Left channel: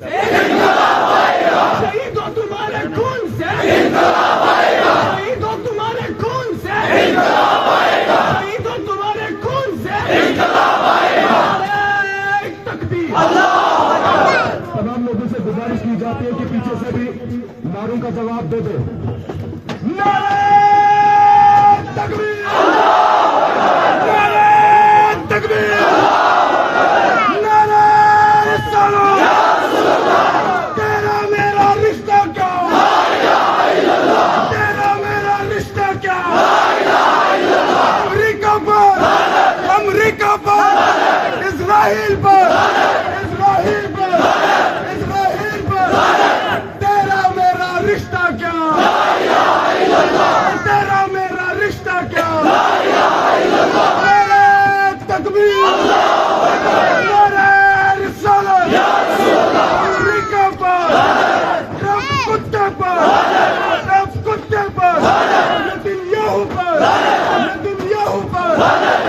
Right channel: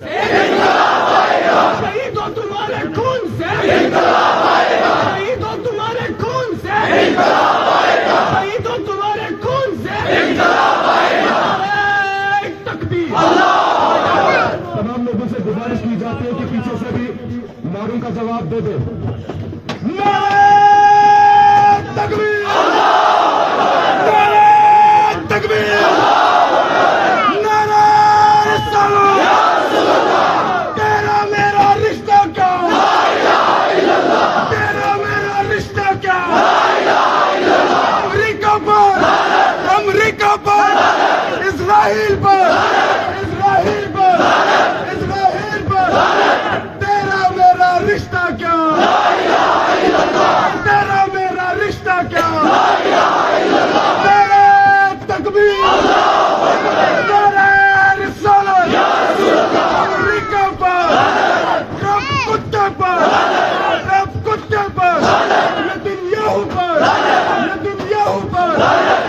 شہید ہو تمہارے خون سے، شہید ہو تمہارے خون سے، شہید ہو تمہارے خون سے، تکبیر۔ تمام لوگوں سے گزارش کی جاتی ہے کہ پیچھے سے بھی نعروں کا جواب دے دے۔ نعرہ تکبیر، نعرہ تکبیر، نعرہ سلام۔ تیرا میرا رشتہ کیا، تیرا میرا رشتہ کیا، امریکہ پر، امریکہ پر، اسرائیل پر، اسرائیل پر، اسرائیل پر، تیرا میرا رشتہ کیا، تیرا میرا رشتہ کیا، نعرہ تکبیر، نعرہ رسالت، امریکہ پر، رب کتے پر، رب کتے پر، نتنیاہو پر، نتنیاہو پر